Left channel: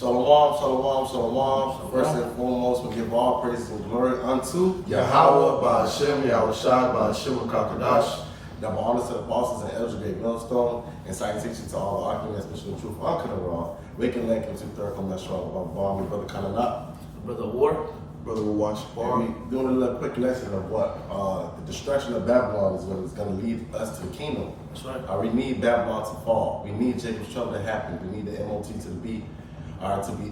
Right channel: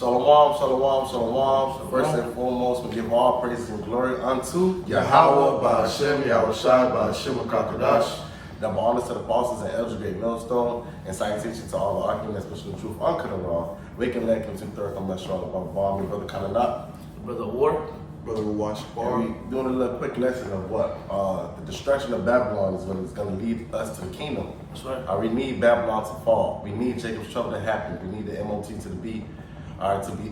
Shalom, shalom, shalom. First and foremost, we give all praises and glory unto Yahweh, Ba'ashem, Yahushua, Ba'ashem, Kakadash. Double honors to the apostles and elders, great millstone, and citation to all arguments, mission of truth, uncut and wrong. Waking neck into third come less strong. About bomb, brother Kananat. Brother War. Brother Wash Bar. We doing a little quick lesson of what the destruction of Babylon is what is going to lead us to the kingdom. That's right. We need Babylon to fall. We need Jacob's trouble to happen. We need the MOT to be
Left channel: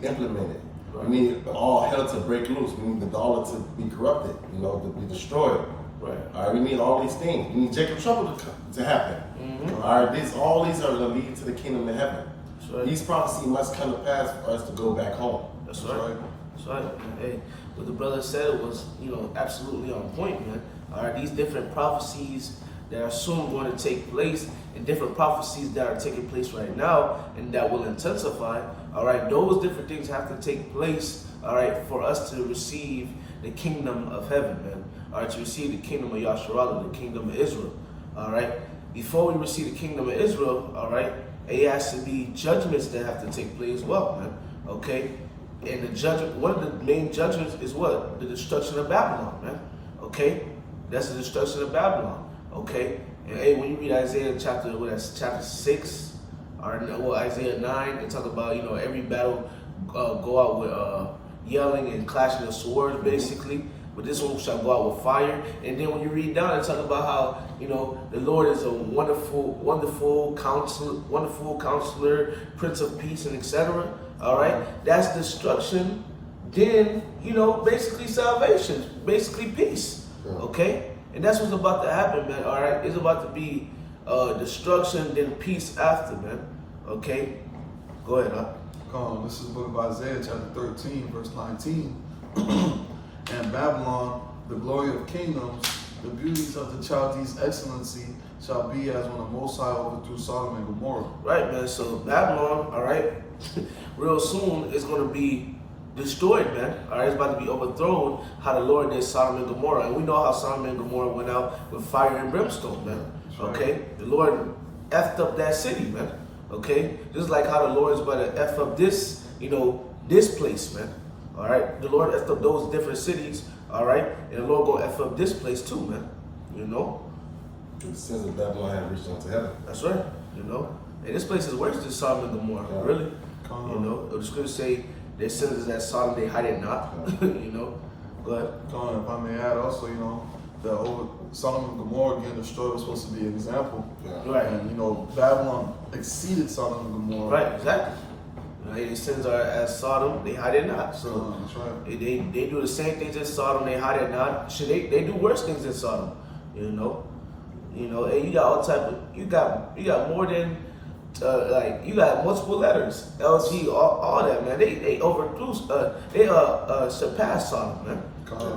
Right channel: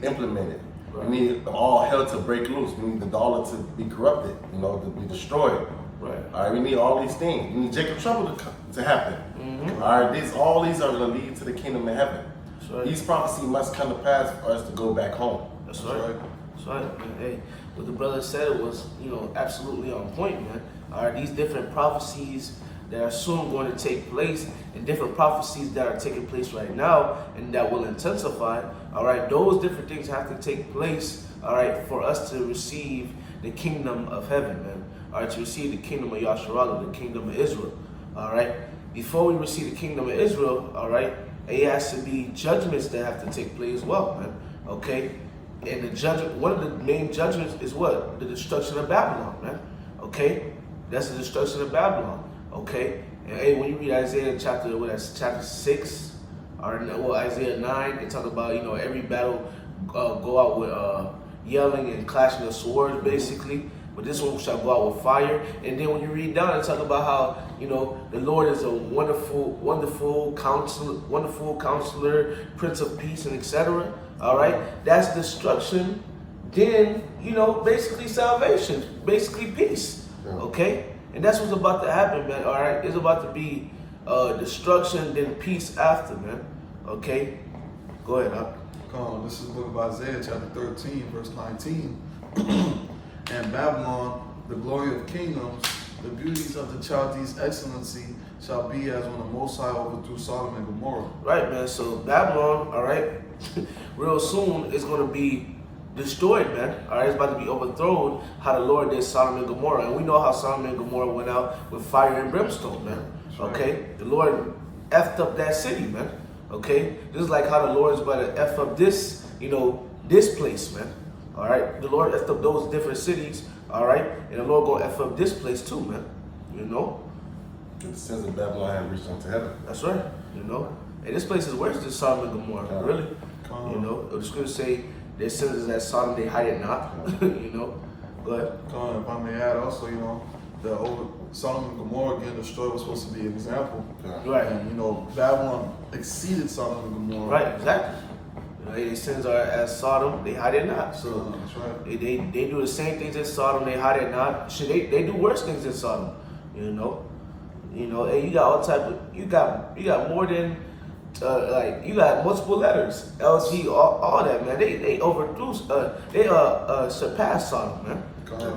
implemented. Right. We need all hell to break loose. We need the dollar to be corrupted, to be destroyed. Right. We need all these things. We need Jacob's trouble to happen. Mm-hmm. All these are going to lead to the kingdom of heaven. That's right. These prophecies must come to pass for us to go back home. That's right. That's right. Hey, what the brother said was, absolutely on point, man. All right, these different prophecies that are soon going to take place, and different prophecies that are taking place right now, and that will intensify. All right, those different things have to take place. All right, for us to receive the kingdom of heaven, man. All right, to receive the kingdom of Yasharallah, the kingdom of Israel. All right, before we receive the kingdom of Israel, all right, it has to be judgments that have to take place as well, man. Okay. And one of the main judgments is what? The destruction of Babylon, man. Okay? That's the destruction of Babylon. Okay? And hey, when you read Isaiah chapter 6, or Isaiah 9, they talk about, every battle go out with yelling and clashing of swords, basically. But this one shall go out with fire. And then when you read down, it talk about how, the Lord is a wonderful counselor, Prince of Peace, and etc. All right, that's destruction. Then basically salvation, basically peace. Okay, and that's what's about to happen, man. All right, it's about to be destruction, then peace after, man. Okay, go ahead, huh? This is the book of Isaiah, chapter 13, verse 19. And Babylon, the glory of kingdoms, the beauties of the Chaldees' excellency, shall be as when the Most High overthrew Sodom and Gomorrah. Right, man. So Babylon, all right, real soon is going to be destroyed, man. All right, it's about to be overthrown. How the Lord did Sodom and Gomorrah, and we know how Sodom and Gomorrah went out with fire and brimstone, man. Okay, the Lord effed up that city, man. Okay, just like how the Lord is about to eff up this, this place, man. All right, the Lord effed up those different cities. All right, and the Lord gonna eff up this place too, man. The sins of Babylon have reached unto heaven. That's right. And this place is worse than Sodom and Gomorrah, really. The scriptures say their sins is as Sodom, they hide it not. Go ahead. If I may add also, Sodom and Gomorrah getting destroyed was supposed to be an example. Right. And, Babylon exceeded Sodom and Gomorrah. Right, exactly. Their sins are as Sodom, they hide it not. So that's right. they do the same things as Sodom, they hide it not. They do worse things than Sodom. And you got all type of, you got more than you got multiple letters, LG, all that, man. They overthrew, they surpassed Sodom, man.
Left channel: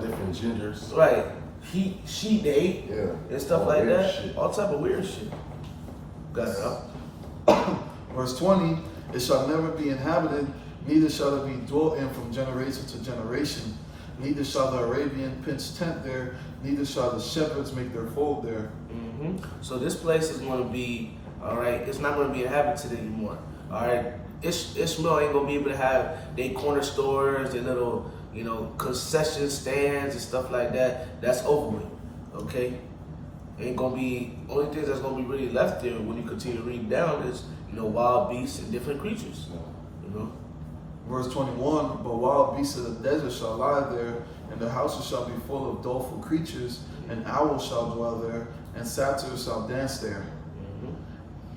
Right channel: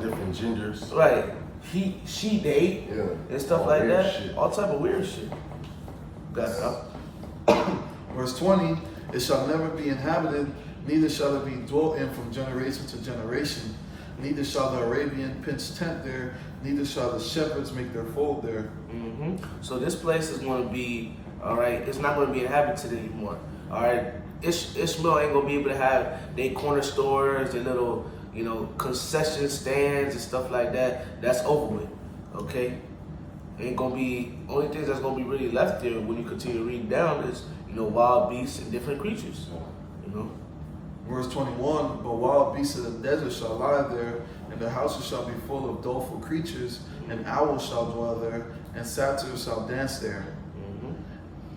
Different genders. Right. He, she, they, and stuff like that. Shit. All type of weird shit. Got it up. Verse 20, it shall never be inhabited, neither shall it be dwelt in from generation to generation. Neither shall the Arabian pitch tent there, neither shall the shepherds make their fold there. So this place is going to be, all right, it's not going to be inhabited anymore. All right, Ishmael ain't going to be able to have their corner stores, their little, concession stands and stuff like that. That's over with, okay? Ain't going to be, only things that's going to be really left there when you continue reading down is, wild beasts and different creatures, Verse 21, but wild beasts of the desert shall lie there, and the houses shall be full of doleful creatures, and owls shall dwell there, and satyrs shall dance there.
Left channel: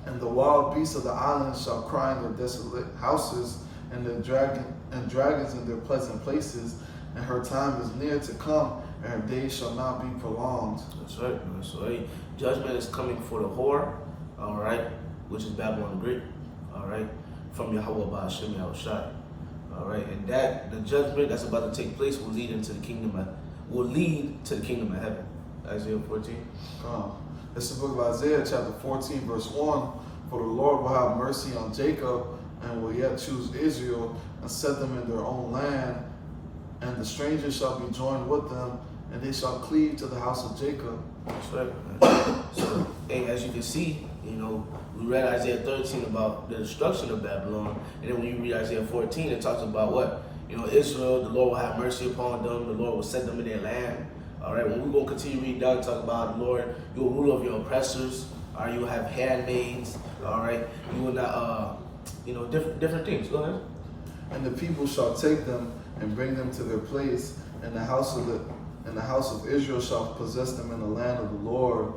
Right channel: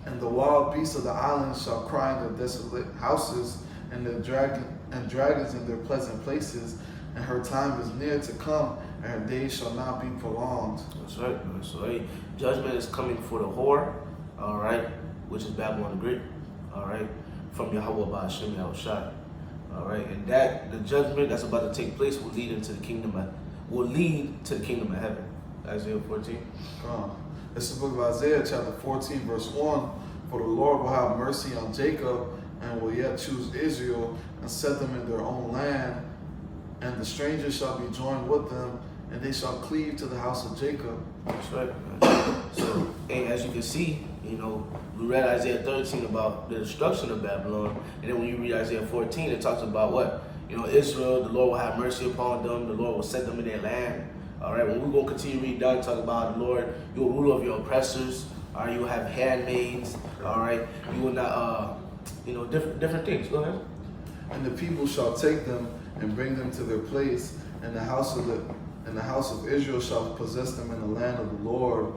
And the wild beasts of the islands shall cry in their desolate houses, and the dragons in their pleasant places, and her time is near to come, and her days shall not be prolonged. That's right, man. So judgment is coming for the whore, all right, which is Babylon the Great, all right, from Yahweh Ba'ashem Yahushua. All right, and the judgment that's about to take place will lead to the kingdom of heaven. Isaiah 14. This is the book of Isaiah, chapter 14, verse 1. For the Lord will have mercy on Jacob, and will yet choose Israel, and set them in their own land. And the strangers shall be joined with them, and they shall cleave to the house of Jacob. That's right, man. So, and as you can see, we read Isaiah 13 about the destruction of Babylon, and then when you read Isaiah 14, it talks about what? Israel, the Lord will have mercy upon them, the Lord will set them in their land. All right, when we're going to continue to read down, talk about the Lord, you will rule over your oppressors, or you will have handmaids, all right? You will not, different things. Go ahead. And the people shall take them and bring them to their place, and the house of Israel shall possess them in the land of the Lord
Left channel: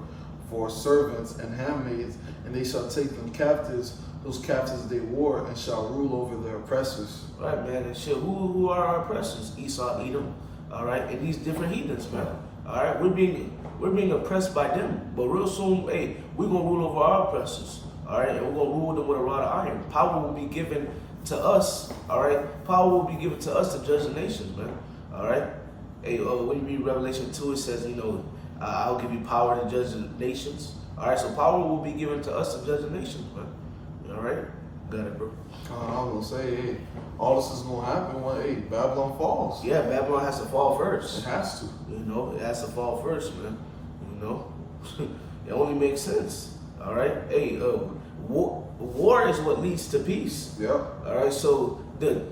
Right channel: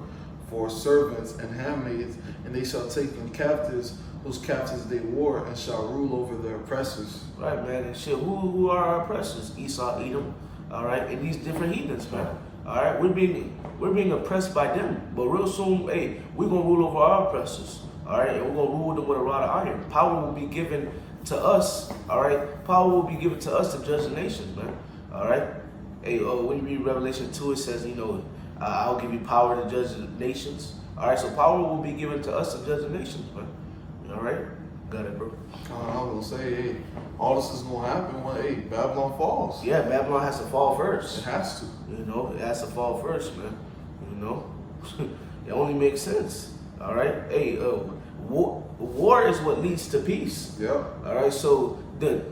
for servants and handmaids, and they shall take them captives, whose captives they wore, and shall rule over their oppressors. Right, man, and shit. Who are our oppressors? Esau, Edom, all right, and these different heathens, man. All right, we're being oppressed by them, but real soon, hey, we're gonna rule over our oppressors. All right, and we're gonna rule them with a rod of iron. Power will be given to us. All right, power will be given to us to judge the nations, man. All right. Hey, when you read Revelation 2, it says, I'll give you power to judge the nations. All right, so power will be given to us to judge the nations, man. All right, got it, bro. I was gonna say, hey, all this is gonna happen when Babylon falls. Yeah, Babylon has to fall first. It has to. It has to fall first, man. It only makes sense. All right. Hey, war is what leads to peace. Yep. All right. So the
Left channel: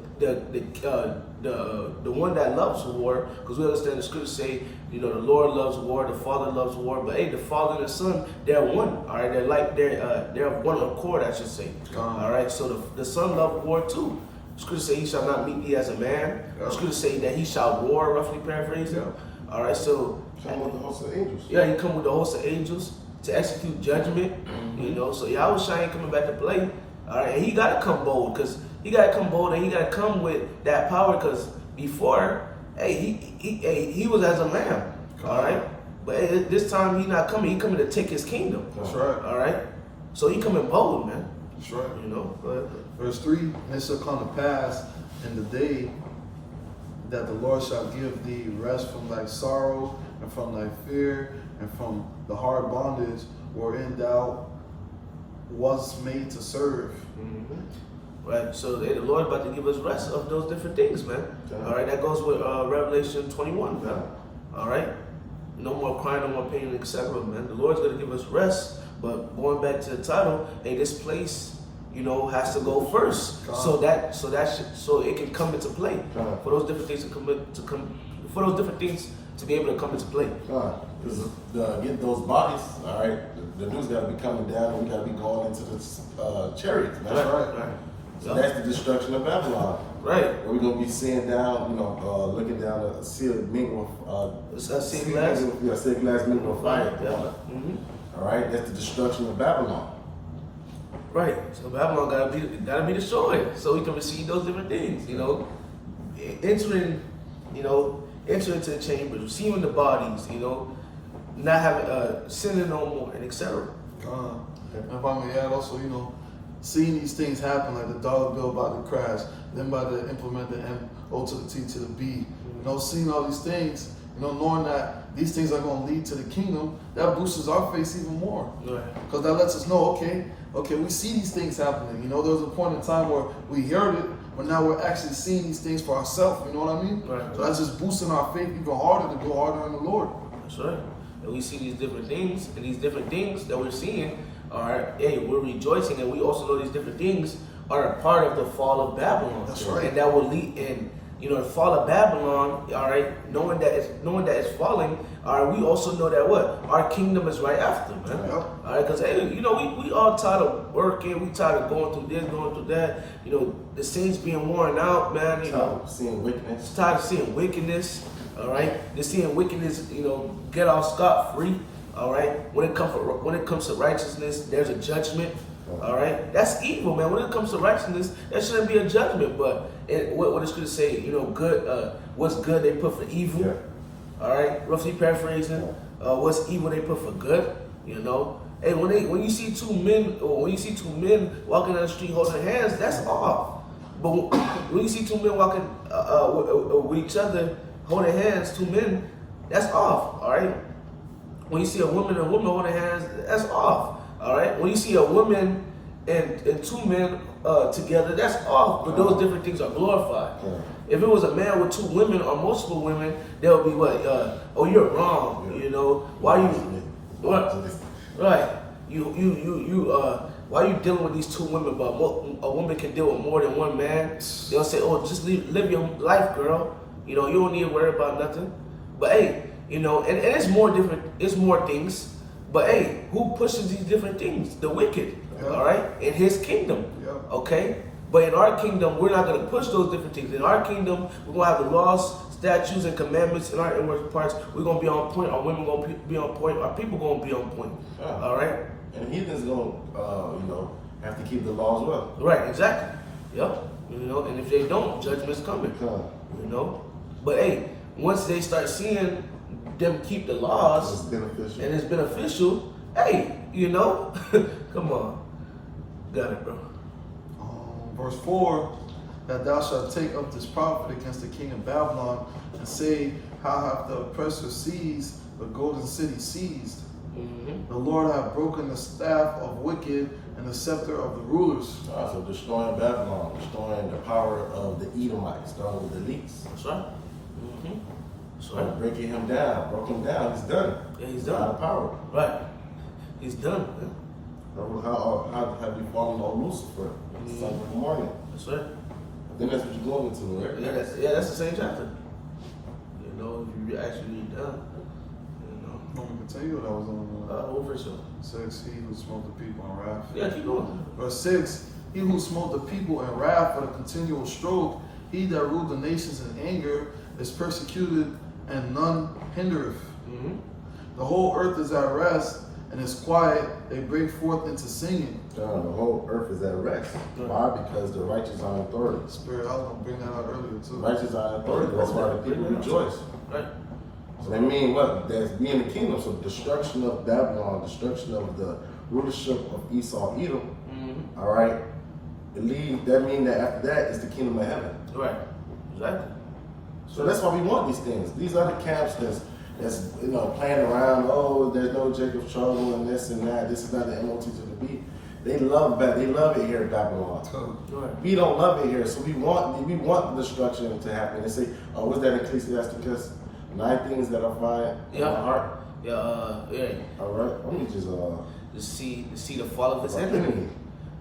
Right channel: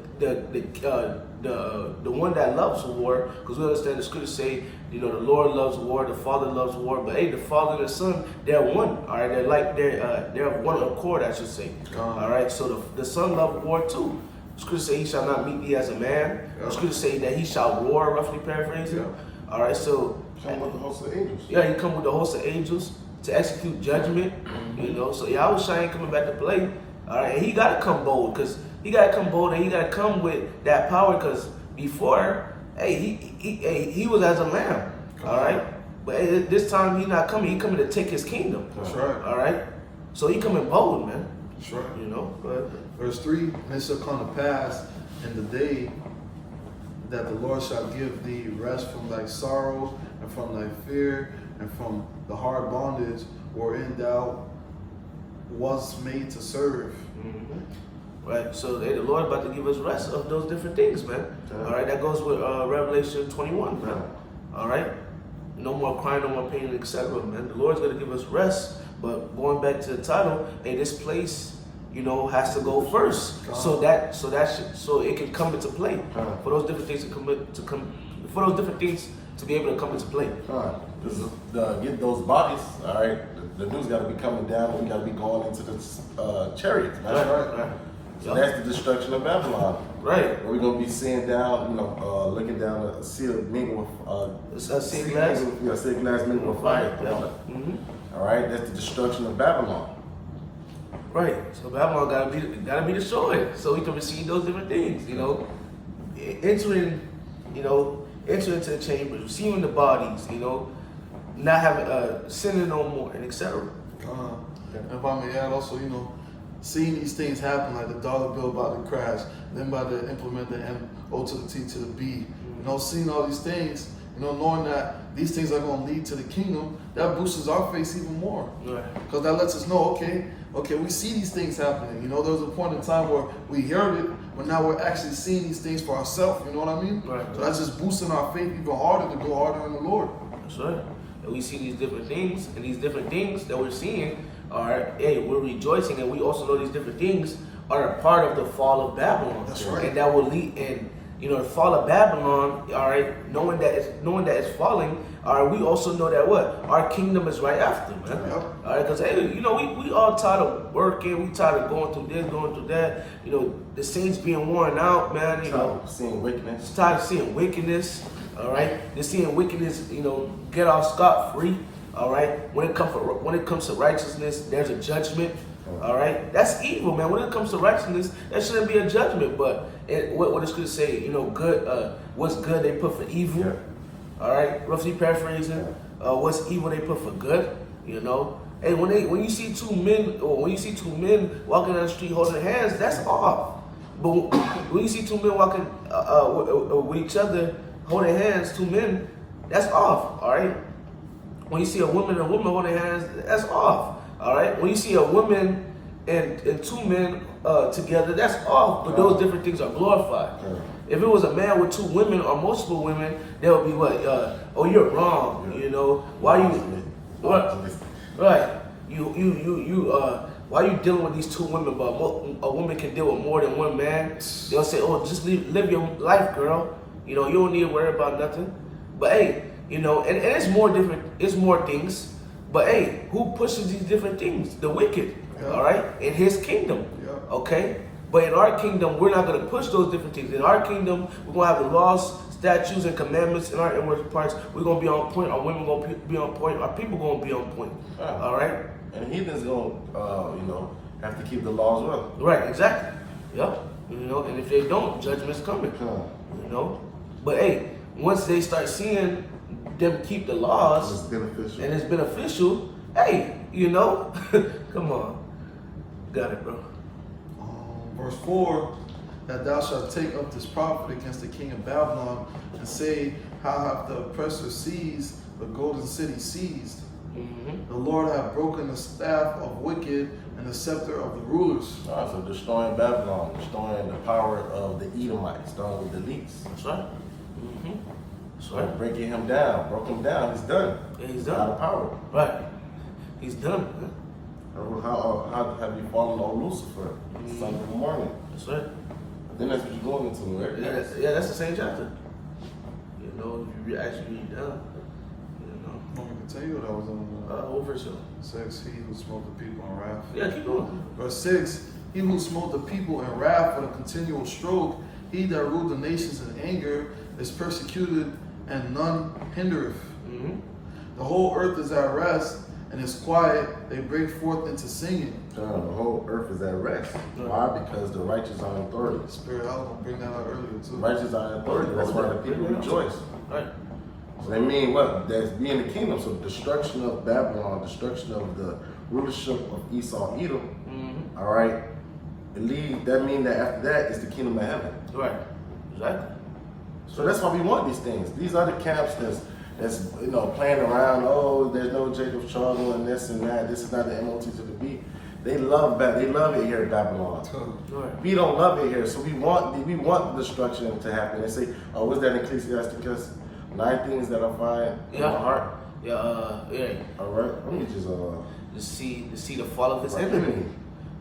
one that loves war, because we understand the scriptures say, the Lord loves war, the Father loves war, but hey, the Father and the Son, they're one. All right. They're of one accord, I should say. All right. So the Son loved war too. The scriptures say he shall not meet thee as a man. The scriptures say that he shall roar, roughly paraphrasing. All right. So come with the host of angels. Yeah, he come with the host of angels to execute judgment. So Yahweh Shai ain't coming back to play. All right, and he got to come bold, because he got to come bold, and he got to come with that power, because before, he was as a lamb. All right, but this time he's not coming. He coming to take his kingdom. That's right. All right, so he coming bold, man. That's right. Go ahead. Verse 3, and it shall come to pass in the day that the Lord shall give thee rest from thy sorrow and from thy fear and from the hard bondage wherein thou was made to serve. Mm-hmm. Right, so the Lord about to give us rest of those different things, man. All right, that goes with Revelation 21, man. All right, no more crying, no more pain, etc., man. The Lord's going to give us rest, but going back to the title, this place, has to go first, so it can come into play, for those different things for those different things to be able to come into play. Because get those bodies, all right, the news got to be coming down, and we got to be going into the chariots. That's right. So that's the destruction of Babylon. Right. We're going to be seeing down, looking down a sealed mingle with sea glass. Yeah, sealed glass mingle with fire. Yeah. Mm-hmm. All right, that's the destruction of Babylon. Right. So Babylon gotta be destroyed, so we can receive those different things. Entering into the chambers, receiving the bodies. Not having sinning no more, and etc. And if I may add, also, seeing these things happen, like the dollar bill about to crash, then by the implement the M-O to the T to the B, seeing all these things, knowing that these things are going to lead to the kingdom, that boosts our faith even more. Because that lets us know, okay, we see these things happening. There was a point in time where we heard it, but now we're actually seeing these things for ourselves. You know what I mean? Right. So that's just boosting our faith even harder to go harder in the Lord. That's right. And we see these different things, and these different things that we're seeing are, we're rejoicing, and we also know these different things are a part of the fall of Babylon. That's right. And that will lead in, the fall of Babylon, all right, knowing that it's falling, all right, we also know that what? Our kingdom is right after, man. Yep. All right, because, we all tired of working, we tired of going through this, going through that, the saints being worn out, man, seeing wickedness. Tired of seeing wickedness. All right, they're seeing wickedness, get off scot-free. All right, when it comes to righteousness, there's a judgment. All right, that's evil, man. When it comes to righteousness, there shouldn't be a judgment. But what it's going to say, good, what's good they put for evil. Yeah. All right, roughly paraphrasing, what's evil they put for good. Hey, when you see two men walking down the street holding hands, that's off. But when you see two men walking with each other, holding hands, two men, that's off, all right? When you see a woman and a woman holding hands, that's off, all right? When you see a woman and two men together, that's off, but those different things are glorified. Yeah. If it was a man with two women or multiple women, there would be what? Oh, you're wrong, why you Right. Why you dealing with these two women, but a woman can deal with more than one man? They'll say, oh, just live your life, girl. You know, you don't need to worry about nothing. But hey, you know, and it's more different, it's more things. But hey, who pushes these different things? The wicked, all right? In his kingdom, okay? But in our kingdom, we're not going to push those different things. In our kingdom, we're going to have the laws, statutes, and commandments in our inward parts. We're going to be on point. Our women going to be on point. Our people going to be on point, all right? And heathens going to, have to keep the laws well. Right, exactly. Yep. You know, and if they don't, judgment's coming. You know? But hey, once they start seeing them keep the laws, and it's beneficial, hey, you know, come on. Got it, bro. Verse 4, that thou shalt take up this prophet against the king of Babylon, and say, how hath the oppressor seized the golden city seized? The Lord hath broken the staff of wicked and the scepter of the rulers. So destroying Babylon, destroying the power of the Edomites, starting with the least. That's right. That's right. Breaking him down, broke him down, he's done. Yeah, he's done. Out of power. Right. He's done, man. How have you fallen on Lucifer, son of the morning? That's right. Then that's what you're going into, right? Yeah, that's the same chapter. You know, if you actually read down, you know. I can tell you what I was on. Over sure. 6, he who smote the people in wrath. Yeah, keep going. Verse 6, he who smote the people in wrath with a continual stroke, he that ruled the nations in anger, is persecuted, and none hindereth. The whole earth is at rest, and is quiet. They break forth into singing. The whole earth is at rest. Why? Because the righteous are in authority. Spirit, I was going to bring that out earlier too. Righteous are in authority. That's why the people rejoice. Right. So they mean what? That's being the kingdom. So destruction of Babylon, destruction of the rulership of Esau, Edom. All right. That means that after that is the kingdom of heaven. Right. Exactly. So that's why we want these things. These are the camps that's playing around. Oh, there's no Jacob's trouble and this and that. This is not the MOT to the beat. They love it here in Babylon. Right. We don't love it here, so we want the destruction to happen. They say, oh, what's that in Ecclesiasticus? 9 things that are fine in my heart. Yeah. All right. Let me just to see the fall of his enemy.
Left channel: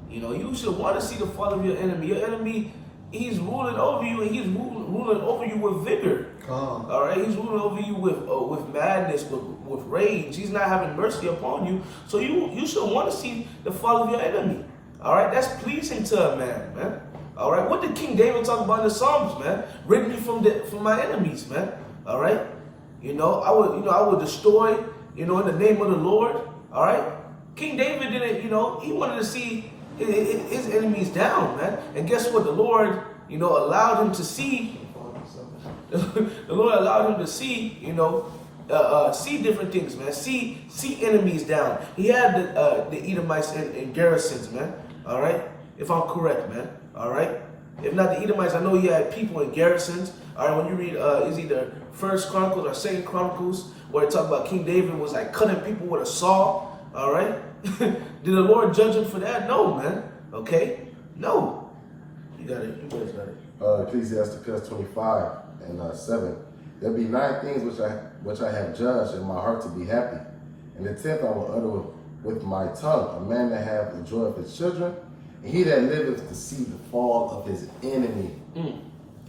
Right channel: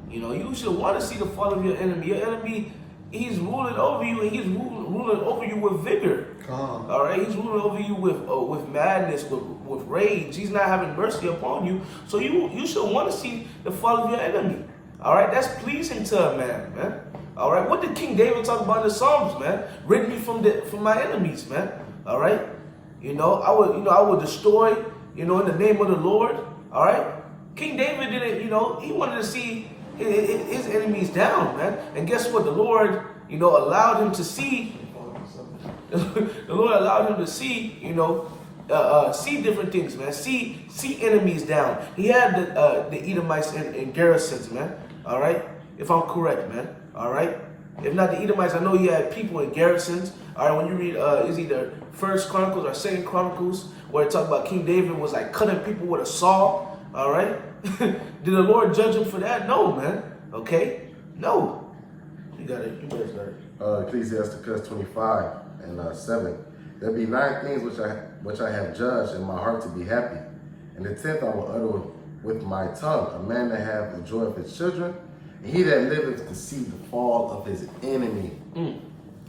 You know, you should want to see the fall of your enemy. Your enemy, he's ruling over you, and he's ruling over you with vigor. All right, he's ruling over you with madness, with rage. He's not having mercy upon you. So you should want to see the fall of your enemy. All right, that's pleasing to a man. All right, what did King David talk about in the Psalms, man? Rid me from my enemies, man. All right, I would destroy, in the name of the Lord. All right, King David didn't, he wanted to see his enemies down, man. And guess what? The Lord, allowed him to see. The Lord allowed him to see, see different things, man. See enemies down. He had the Edomites in garrisons, man. All right, if I'm correct, man. All right. If not the Edomites, I know he had people in garrisons. All right, when you read, is either First Chronicles or Second Chronicles, where it talks about King David was like cutting people with a saw. All right. Did the Lord judge him for that? No, man. Okay. No. You got it. You better start it. Ecclesiasticus 25 and 7. There be 9 things which I have judged in my heart to be happy. And the 10th I will utter with my tongue, a man that have the joy of his children, and he that liveth to see the fall of his enemy.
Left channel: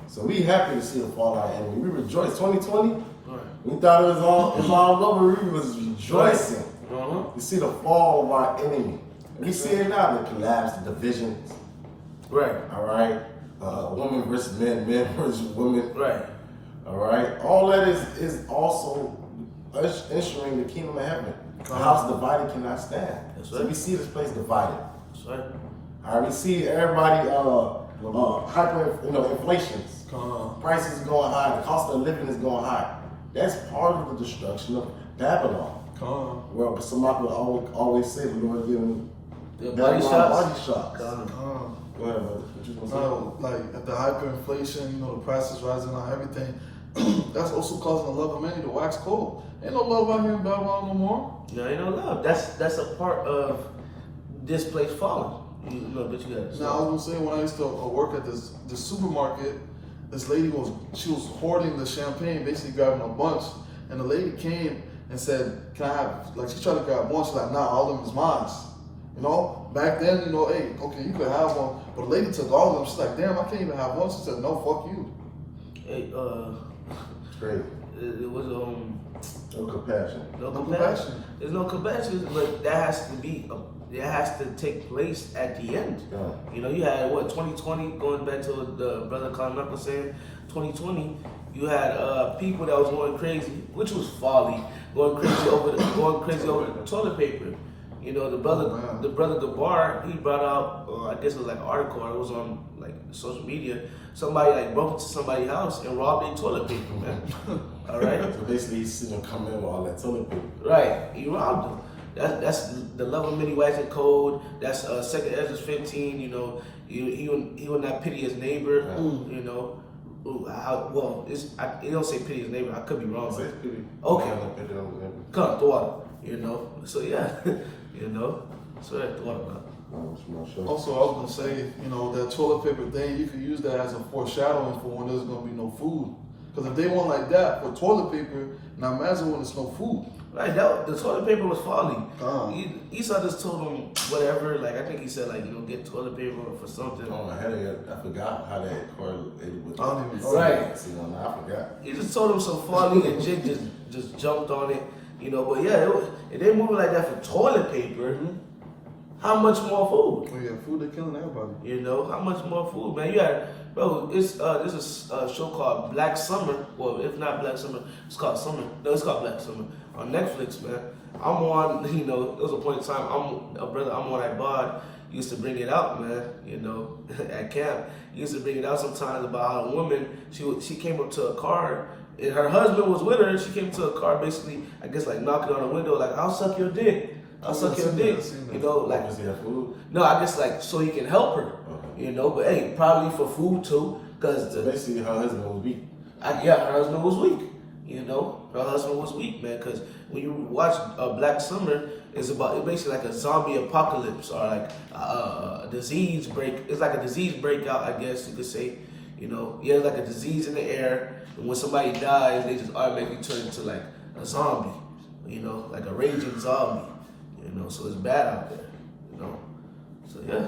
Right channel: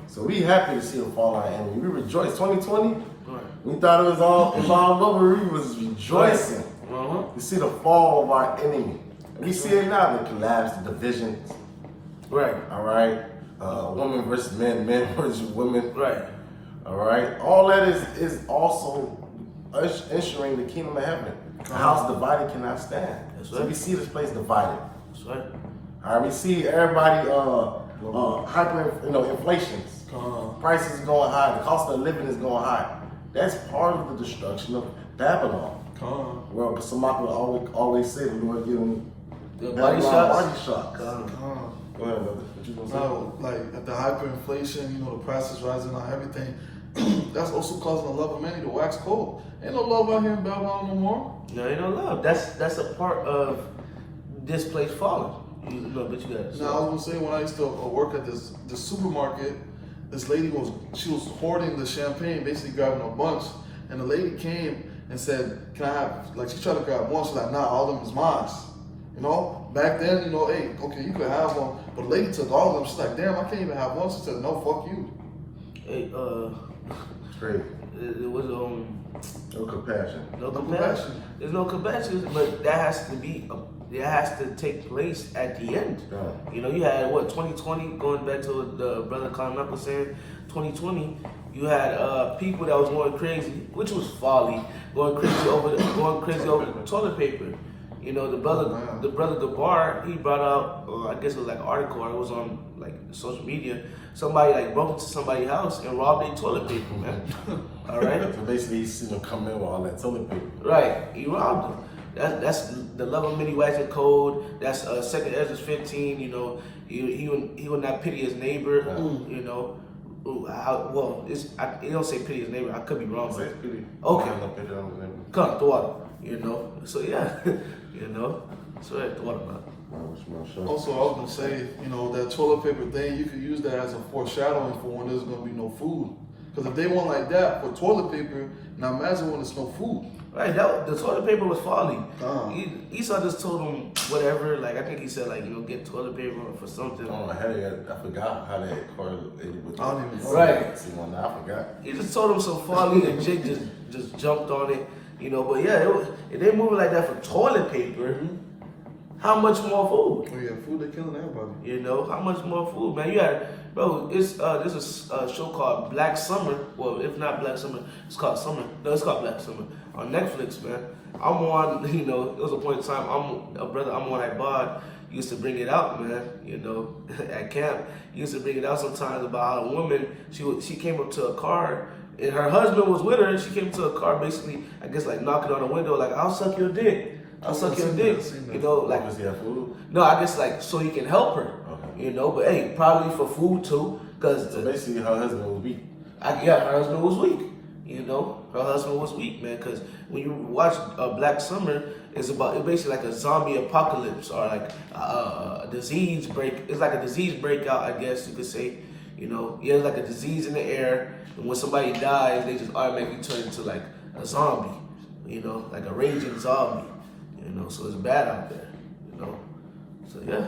So we happy to see the fall of our enemy. We rejoice. 2020, right. We thought it was all over. We was rejoicing. We see the fall of our enemy. We see it now, the collapse, the divisions. Right. All right. Women versus men, men versus women. Right. All right. All that is also ensuring the kingdom of heaven. The house divided cannot stand. That's So right. we see this place divided. That's right. All right. We see everybody inflations. Prices going high. The cost of living is going high. That's part of the destruction of Babylon. Well, some people always say the Lord give them The body shots. Body shots. Go ahead, brother. What you gonna say? No, like at the hyperinflation, the prices rising on everything. That's also causing the love of many to wax cold. Ain't no love out here in Babylon no more. No, ain't no love. That's a part of this place falling. But you got. Now I was gonna say, when I used to work at the supermarket, this lady was hoarding the champagne, basically grabbing a bunch, and the lady came and said, can I have, like she tried to grab one, she's like, nah, all of them is mine. You know, back then, you know, hey, okay, you could have one, but the lady took all of them. She's like, damn, I can't even have one. She said, no, fuck you. Hey, It's crazy. it was No compassion. no No compassion. compassion. There's no compassion, but that has to be. It has to take place at the end. Yeah. You know, you had what 2020 going back to what the brother Colin Knuckles saying. 2020, you had people that was going crazy, which was folly, going crazy over the toilet paper. You know, the brother Gabar, he brought out, I guess it was like an article, or it was on like social media. Somebody like broke into somebody's house and robbed their toilet paper, man. All right. So basically, you see them come in with all that toilet paper. Right, he robbed them. That's the love of many wives and code. That's 2 Ezra 15. You know, he would not pity his neighbor. You know, it don't say pity his neighbor. I could be wrong, but okay. Come water. You know, so yeah, you know, so that's what about. Also, I was gonna say, you know, that toilet paper thing, you could use that as a foreshadowing for when there's gonna be no food. Because if they want like that for toilet paper, now imagine when there's no food. Right, the toilet paper was folly. Esau just told him whatever. Like I think he said, like, you know, get toilet paper for something. Oh, I forgot how that correlated with. I don't even know. Right. I forgot. He just told him some folly, and Jake just jumped on it. You know, but yeah, if they moving like that for toilet paper, how much more food? Oh yeah, food, they're killing everybody. You know, how much more food, man? You had, bro, there's a show called Black Summer. Well, if not Black Summer, it's called Summer. No, it's called Black Summer on Netflix, man. I'm on, you know, it was a point in time, I'm on that bod, used to bring it out, man, you know, at camp. He used to bring it out sometimes about how a woman, she came up to a car, and her husband was with her, and she came to a car basically, I guess, like knocking on the window, like, I'll suck your dick. I'll suck your dick. You know, like, Does he have food? no, I guess like so he can help her. Okay. You know, but hey, probably for food too, because So basically, her husband was weak. her husband was weak. You know, her husband was weak, man. Because when you watch Black Summer, it's basically like a zombie apocalypse or like a disease break. It's like a disease breakout, I guess you could say. You know, it's like a disease in the air, and when somebody dies, they just automatically turn into like a zombie. You know, like a raging zombie. You know, so it's bad out there. You know, so yeah.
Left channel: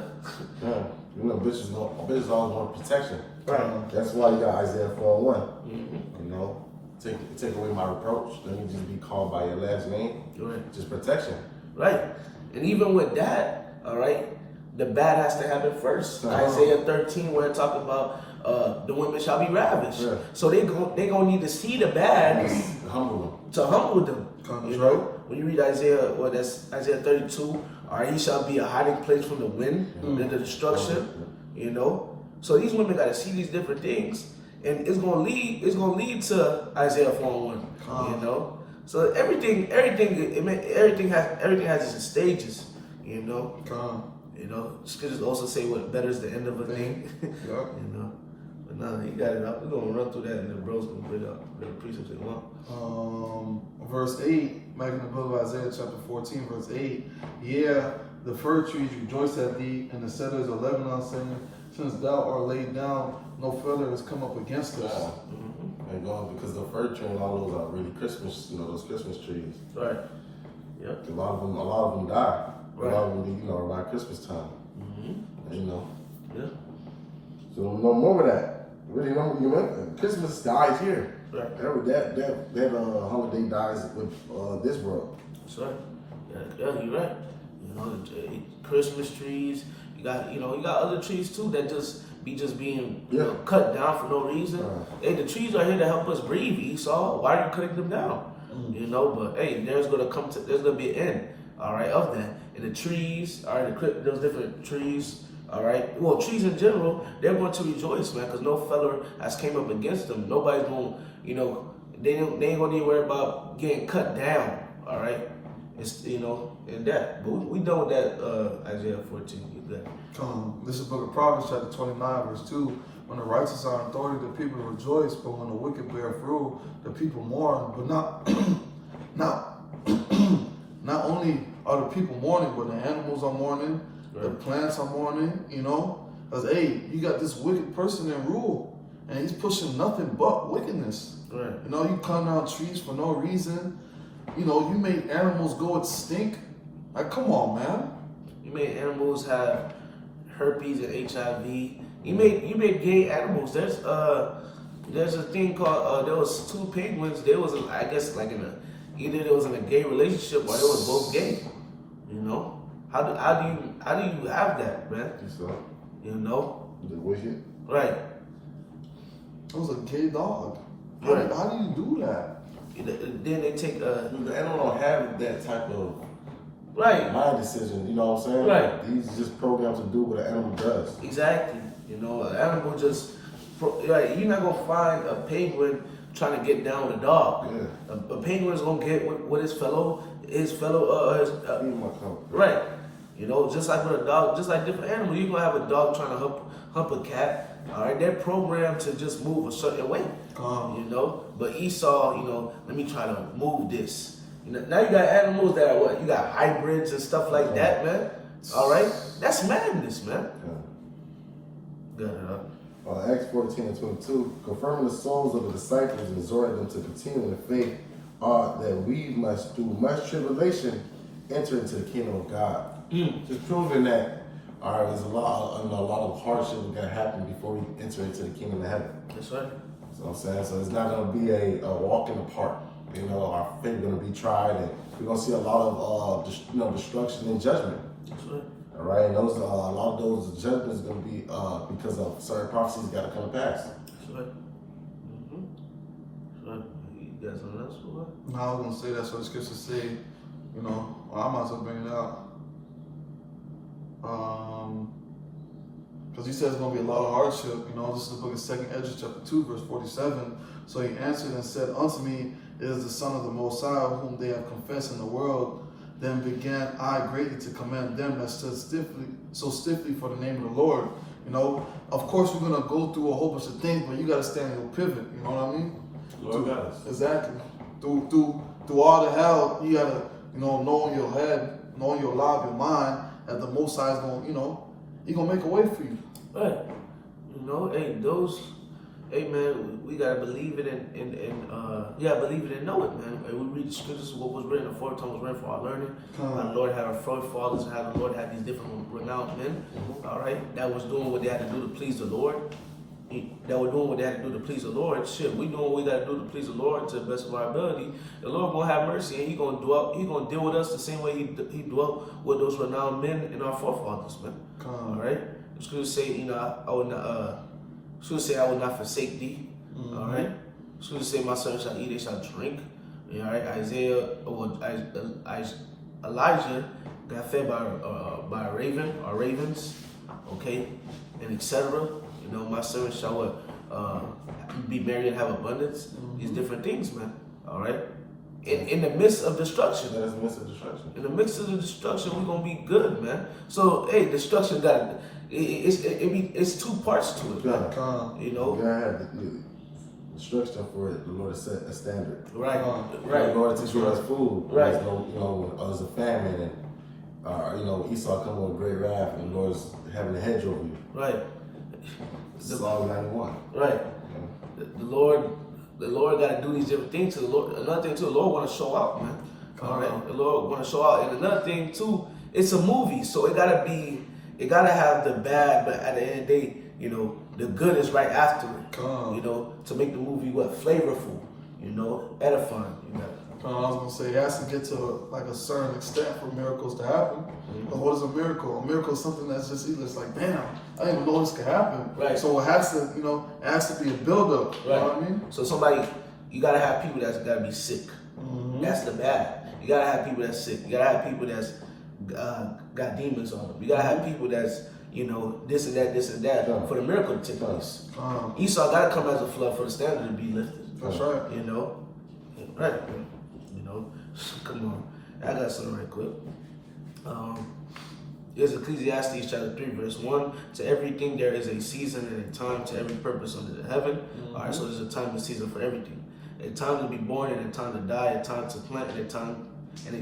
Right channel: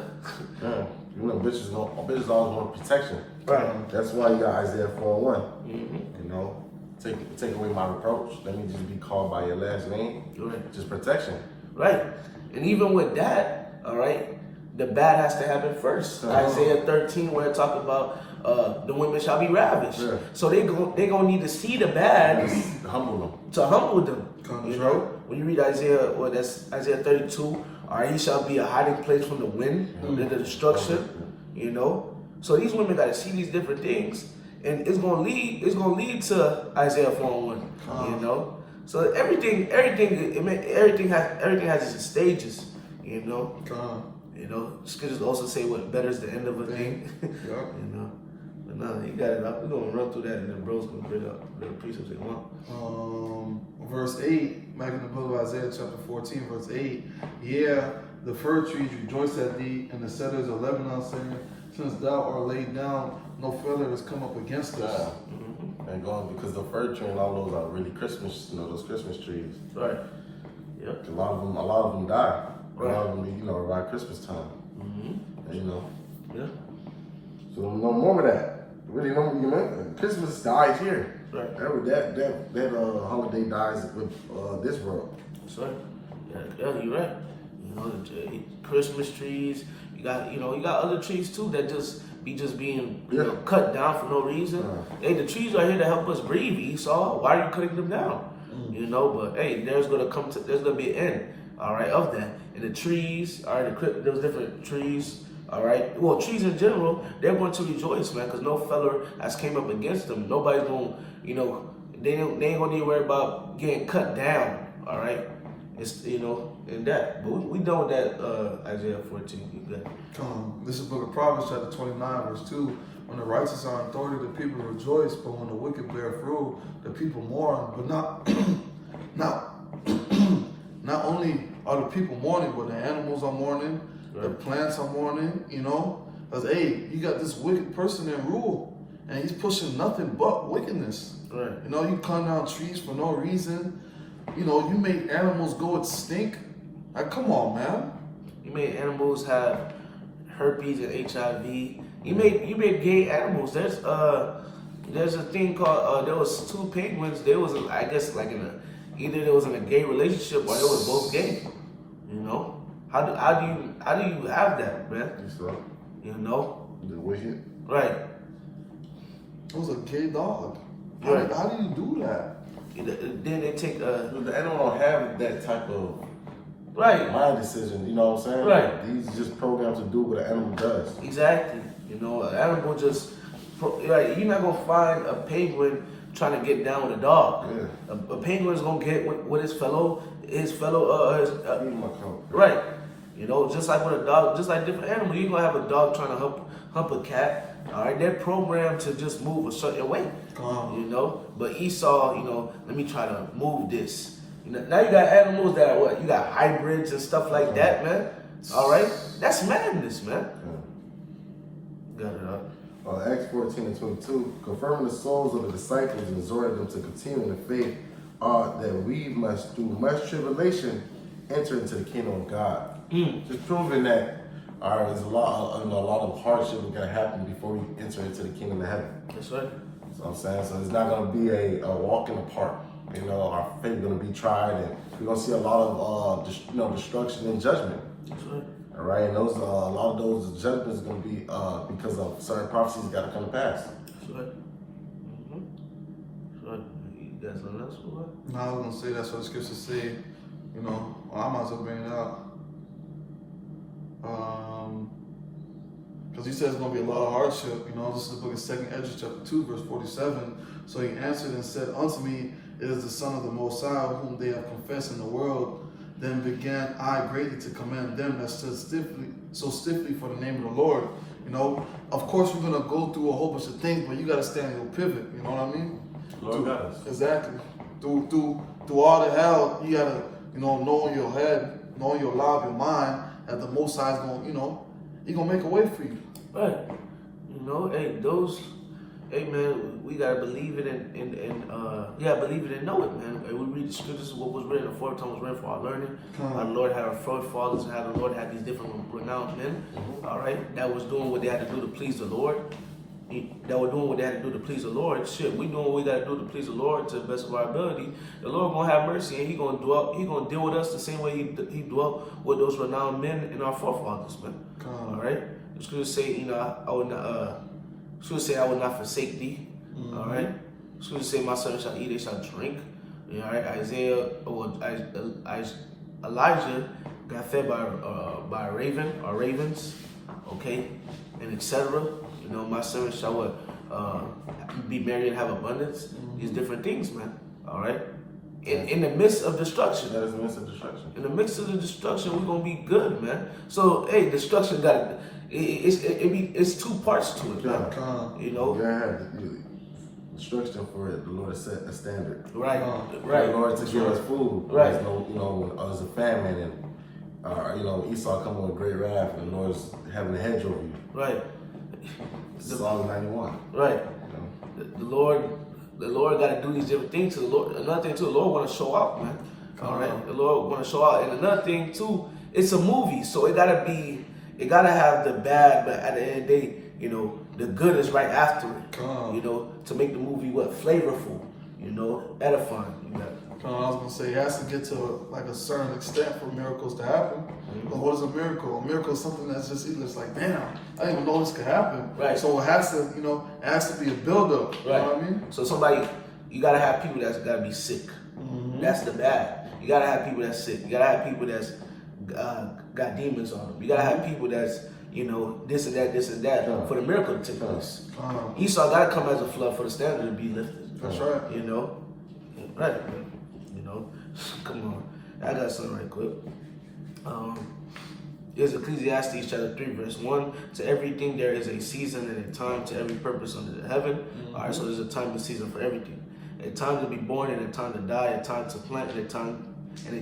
Yeah. You know, bitches always want protection. Right. That's why you got Isaiah 4:1. Mm-hmm. You know, take away my reproach. Let me just be called by your last name. Right. Just protection. Right. And even with that, all right, the bad has to happen first. Isaiah 13, where it talk about the women shall be ravished. Yeah. So they gonna need to see the bad Humble to humble them. Come You right. know, when you read Isaiah, that's Isaiah 32. All right, he shall be a hiding place from the wind, the destruction. You know, so these women got to see these different things, and it's gonna lead to Isaiah 4:1. You know, so everything has its stages. You know. You know, scriptures also say what better is the end of a thing. Yeah. You know. But no, he got it up. We're gonna run through that and the bros gonna bring up the precepts they want. Verse 8, back in the book of Isaiah chapter 14, verse 8. Yeah, the fir trees rejoice at thee, and the cedars of Lebanon saying, since thou art laid down, no feather has come up against us. Yeah. And going because the fir tree and all those are really Christmas, you know, those Christmas trees. Right. Yep. A lot of them die. Right. A lot of them, you know, around Christmas time. Mm-hmm. You know. Yeah. So no more of that. Really, you know, Christmas dies here. Right. That holiday dies with this world. That's right. Yeah, you're right. You know, Christmas trees. You got other trees too that just being you know, cut down for no reason. Hey, the trees are here to help us breathe, Esau. Why are you cutting them down? You know, but hey, there's gonna be an end, all right, of that. And the trees, all right, those different trees, all right. Well, trees in general, they're going to rejoice, man, because no feller has came up against them. Nobody's going, you know, they ain't gonna need to worry about getting cut down, all right. It's, you know, and that. But we done with that, Isaiah 14. You good. This is book of Proverbs chapter 29, verse 2. When the righteous are in authority, the people rejoice, but when the wicked bear fruit, the people mourn. But not only are the people mourning, but the animals are mourning, the plants are mourning, you know. Because, hey, you got this wicked person in rule, and he's pushing nothing but wickedness. Right. You know, you cut down trees for no reason. You know, you made animals go extinct. Like, come on, man. You made animals have herpes and HIV. You made gay animals. There's a thing called there was two penguins. They was I guess like either they was in a gay relationship or they was both gay. You know, how do you have that, man? You know, The wicked. right? It was a gay dog. Right. How do you do that? Then they take The animal don't have that type of right. mind decision. You know what I'm saying? Right. These just programmed to do what an animal does. Exactly. You know, an animal just right. You're not gonna find a penguin trying to get down with a dog. Yeah. A penguin is gonna get with his fellow Leave my company. right. You know, just like with a dog, just like different animals, you're gonna have a dog trying to hump a cat. All right, they're programmed to just move a certain way. You know, but Esau, you know, let me try to move this. You know, now you got animals that are what? You got hybrids and stuff like that, man. All right, that's madness, man. Got it up. Acts 14 and 22, confirming the souls of the disciples and exhorting them to continue in the faith, that we must, through much tribulation, enter into the kingdom of God. Just proving that, all right, there's a lot of hardship that's going to happen before we enter into the kingdom of heaven. That's right. You know what I'm saying? So it's not going to be a walk in the park. You know, our faith is going to be tried, and we're going to see a lot of destruction and judgment. That's right. All right, and those a lot of those judgments are going to be because of certain prophecies got to come to pass. That's right. That's right. You got something else for that? No, I was gonna say that's what the scriptures say. You know, well, I might as well bring it out. Because he says it's gonna be a lot of hardship. You know, this is the book of 2 Ezra chapter 2, verse 47. So he answered and said, "Unto me is the Son of the Most High, whom they have confessed in the world. Then began I greatly to commend them that stood so stiffly for the name of the Lord." You know, of course we're gonna go through a whole bunch of things, but you gotta stand in your pivot. You know what I mean? Lord does. Exactly. Through all the hell, you gotta, you know in your head, know in your life, your mind, that the Most High is gonna, you know, He gonna make a way for you. Right. You know, hey man, we gotta believe it and believe it and know it, man. And we read the scriptures, what was written aforetime was written for our learning. Our Lord had our forefathers and how the Lord had these different renowned men, all right, that was doing what they had to do to please the Lord. That were doing what they had to do to please the Lord. Shit, we doing what we gotta do to please the Lord to the best of our ability. The Lord gonna have mercy and He gonna deal with us the same way He dwelt with those renowned men and our forefathers, man. All right. The scriptures say, you know, I would not. Scriptures say, I will not forsake thee. All right. Scriptures say, my son shall eat, they shall drink. All right. Elijah got fed by a raven or ravens. Okay, and etc. You know, my servant shall be married and have abundance. These different things, man. All right. In the midst of destruction. That is the midst of destruction. In the midst of the destruction, we're gonna be good, man. So, hey, destruction got it's two parts to it. You know. You gotta have the destruction for it. The Lord has set a standard. Right. Right. In order to give us food. Right. There's no, you know, there's a famine and you know, Esau coming with great wrath and the Lord's having a hedge over you. Right. Psalm 91. Right. The Lord got to do these different things to the Lord. Another thing too, the Lord want to show out, man. All right. The Lord want to show out, and another thing too, it's a movie, so it gotta have the bad, but at the end of the day, you know, the good is right after it. You know, to make the movie flavorful, you know, edifying. You got it. I was gonna say it has to get to like a certain extent for miracles to happen. But what is a miracle? A miracle is something that's just either it's like, damn, I didn't even know this could happen. Right. So it has to, you know, it has to be a build-up. You know what I mean? So you gotta have people that's gotta be sick. That's the bad. You gotta have people that's sick. You gotta have people that's got demons on them. You gotta have people that's, you know, this and that for the miracle to take place. Esau gotta come as a flood for the standard to be lifted. That's right. You know, right? You know, come on. I got something right quick. Here's Ecclesiastes chapter 3, verse 1. To everything there is a season and a time to every purpose under the heaven. All right, so there's a time and season for everything. A time to be born and a time to die, a time to plant and a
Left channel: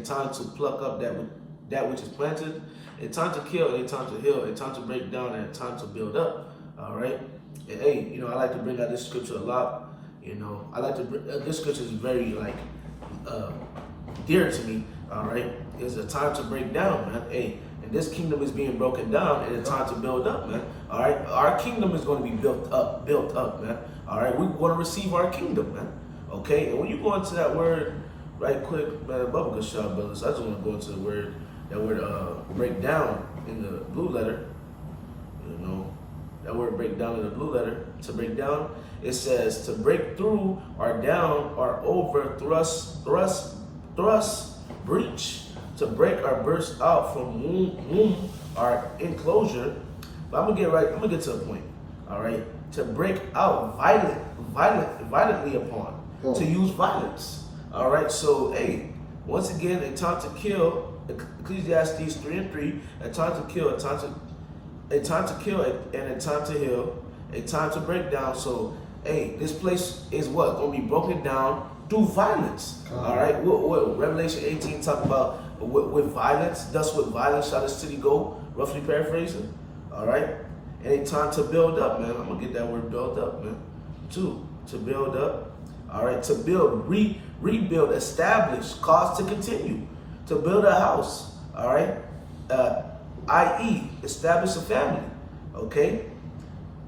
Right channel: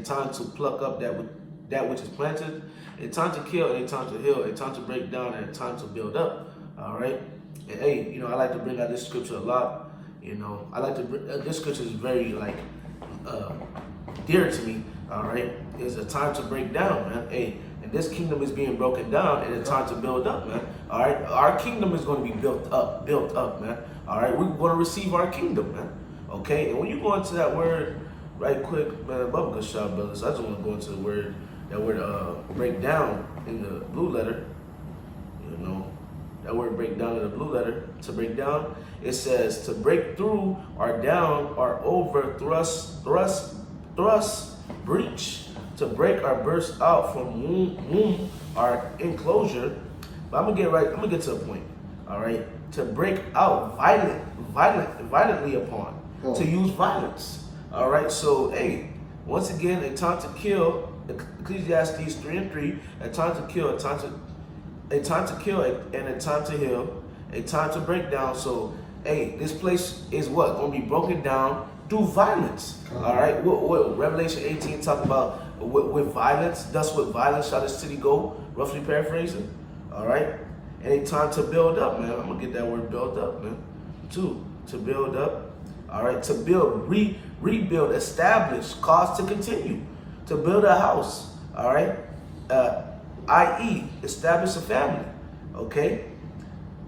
time to pluck up that which is planted, a time to kill and a time to heal, a time to break down and a time to build up. All right. And hey, you know, I like to bring out this scripture a lot. You know, I like to bring this scripture is very like dear to me, all right, is a time to break down, man. Hey, and this kingdom is being broken down, and it's time to build up, man. All right, our kingdom is going to be built up, man. All right, we're going to receive our kingdom, man. Okay, and when you go into that word, right quick, man, above good shot, brothers. I just want to go into the word, that word break down in the blue letter. You know, that word break down in the blue letter. To break down, it says to break through or down or over, thrust, breach. To break or burst out from womb or enclosure. But I'm gonna get to the point. All right. To break out violently upon. To use violence. All right. So hey, once again, a time to kill. Ecclesiastes 3:3. A time to kill. A time to kill, and a time to heal. A time to break down. So hey, this place is what gonna be broken down through violence. All right. What Revelation 18 talk about? With violence, thus with violence shall the city go, roughly paraphrasing. All right. And a time to build up, man. I'm gonna get that word build up, man. Two, to build up. All right, to build, rebuild, establish, cause to continue. To build a house. All right. I.e., establish a family. Okay.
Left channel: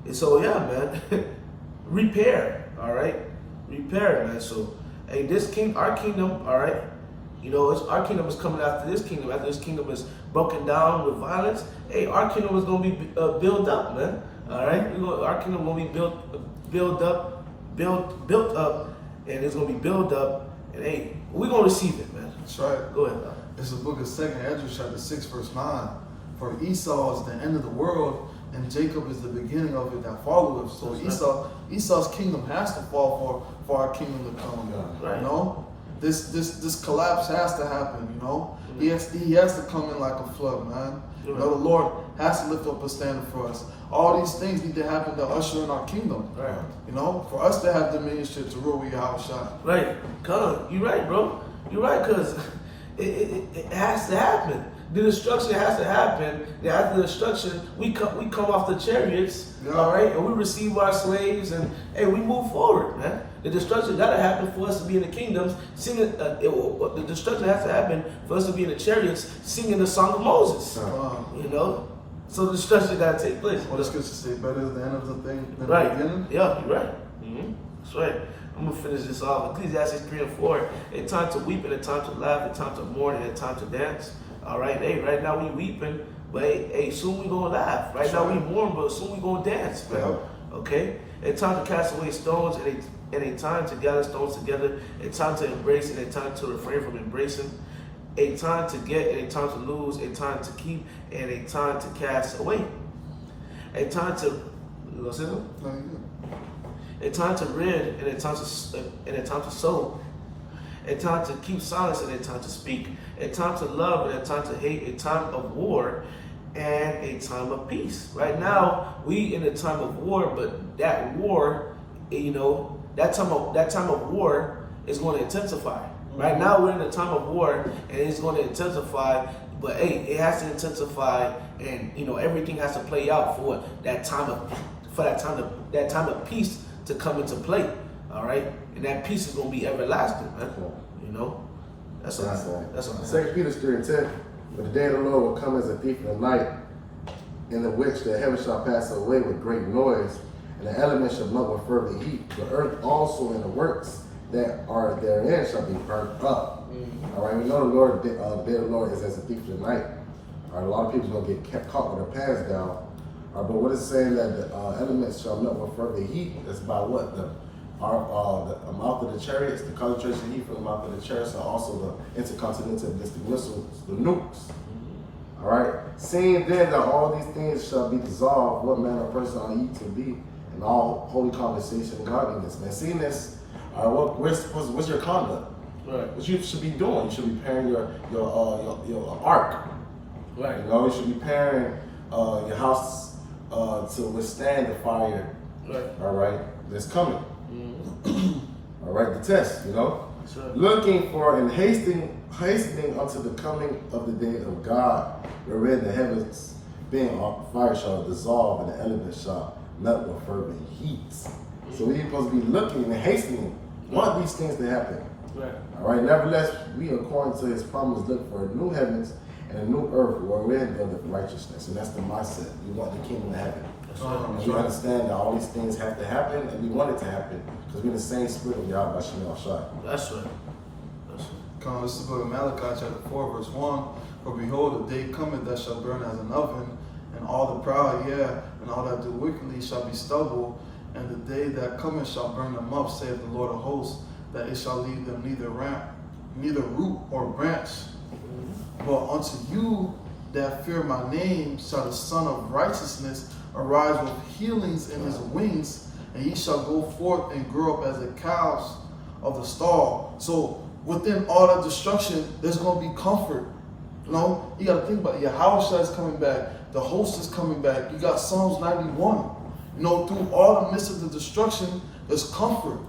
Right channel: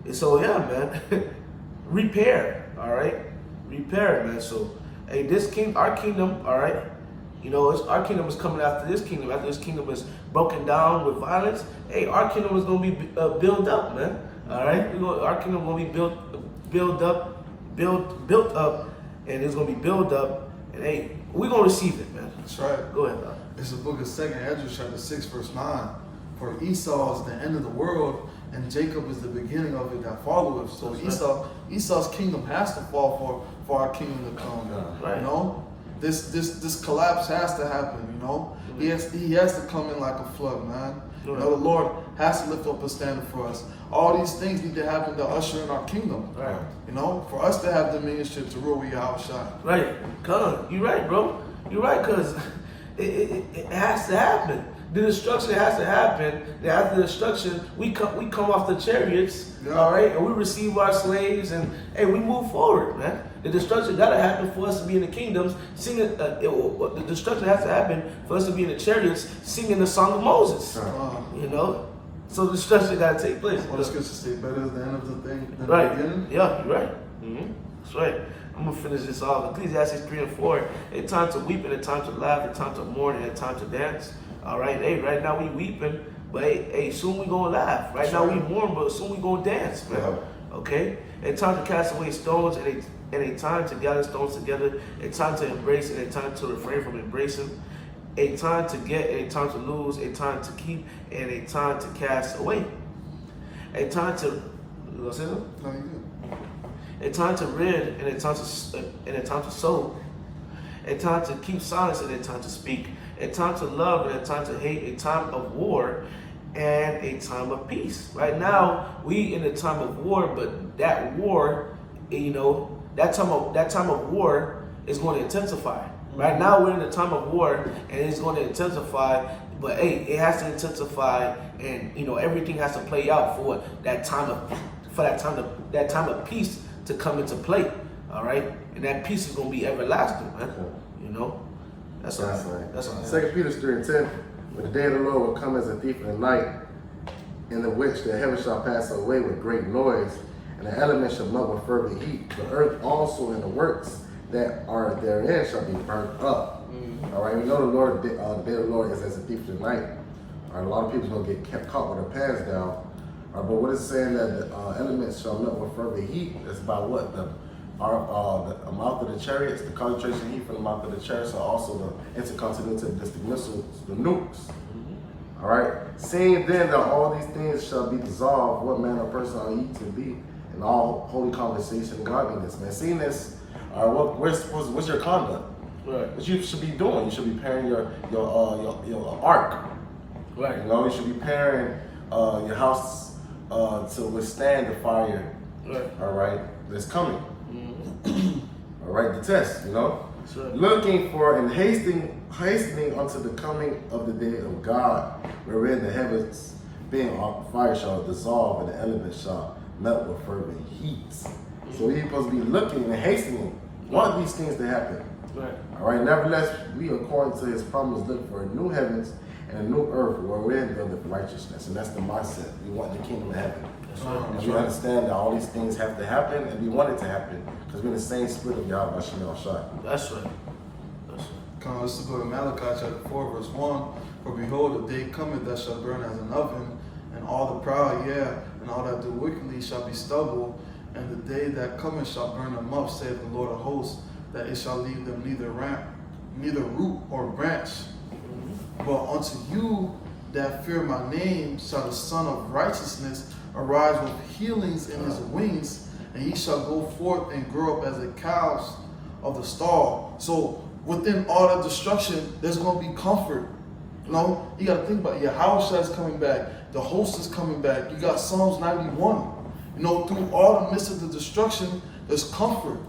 And so yeah, man. Repair. All right. Repair, man. So hey, our kingdom, all right. You know, our kingdom is coming after this kingdom. After this kingdom is broken down with violence, hey, our kingdom is going to be built up, man. All right, our kingdom will be built up, and it's going to be built up, and hey, we're going to receive it, man. That's right. Go ahead, man. It's the book of 2nd Ezra, chapter 6, verse 9. For Esau is the end of the world, and Jacob is the beginning of it that followeth. So Esau's kingdom has to fall for our kingdom to come. Right. You know. This collapse has to happen, you know. He has to come in like a flood, man. You know, the Lord has to lift up a standard for us. All these things need to happen to usher in our kingdom. Right. You know, for us to have dominionship to rule with Yahushua. Right. Come on. You're right, bro. You're right, because it has to happen. The destruction has to happen. After the destruction, we come off the chariots, all right, and we receive our slaves, and hey, we move forward, man. The destruction got to happen for us to be in the kingdoms, singing. The destruction has to happen for us to be in the chariots, singing the song of Moses. You know, so the destruction got to take place. What does Scripture say? Better is the end of the thing than right. the beginning. Yeah, you're right. That's right. I'm gonna finish this off. Ecclesiastes 3 and 4. A time to weep and a time to laugh, a time to mourn and a time to dance. All right, hey, right now we weeping, but hey, soon we gonna laugh. Right now we mourn, but soon we gonna dance, man. Okay? A time to cast away stones and a time to gather stones together, a time to embrace and a time to refrain from embracing, a time to get and a time to lose, a time to keep and a time to cast away. A time to, you gonna say something? No, you do. A time to rid and a time to sow. A time to keep silence and a time to speak. A time to love and a time to hate. A time of war and a time of peace. Right now, we in a time of war, but that war, you know, that time of war is going to intensify. Right now, we're in a time of war, and it's going to intensify. But hey, it has to intensify, and you know, everything has to play out for that time of peace to come into play. All right, and that peace is going to be everlasting, man. You know, that's all. That's all. 2 Peter 3:10. But the day of the Lord will come as a thief in the night, in the which the heavens shall pass away with great noise, and the elements shall melt with fervent heat. The earth also and the works that are therein shall be burnt up. All right, we know the day of the Lord is as a thief in the night. All right, a lot of people gonna get caught with their pants down. But what it's saying that the elements shall melt with fervent heat. It's about what the mouth of the chariots, the concentration of heat from the mouth of the chariots, are also the intercontinental ballistic missiles, the nukes. All right. Seeing then that all these things shall be dissolved, what manner of person are ye to be in all holy conversation and godliness? Man, seeing this, what's your conduct? Right. What you should be doing? You should be preparing your ark. Right. You know, you should be preparing your house to withstand the fire. Right. All right. That's coming. All right, the test, you know. Right. Looking for and hastening unto the coming of the day of God, wherein the heavens being on fire shall dissolve and the elements shall melt with fervent heat. So we're supposed to be looking and hastening. Want these things to happen. Right. All right. Nevertheless, we, according to His promise, look for a new heavens and a new earth wherein dwelleth righteousness, and that's the mindset. We want the kingdom of heaven. And we understand that all these things have to happen, and we want it to happen because we're in the same spirit of Yahweh Shem Shai. That's right. That's right. Come on, let's go to Malachi chapter 4, verse 1. For behold, the day cometh that shall burn as an oven, and all the proud, and all that do wickedly shall be stubble, and the day that cometh shall burn them up, saith the Lord of hosts, that it shall leave them neither root or branch. But unto you that fear my name shall the Son of Righteousness arise with healings in his wings, and he shall go forth and grow up as the calves of the stall. So within all that destruction, there's going to be comfort. You know, you got to think about it. Yahushua is coming back. The host is coming back. You got Psalms 91. You know, through all the midst of the destruction, there's comfort.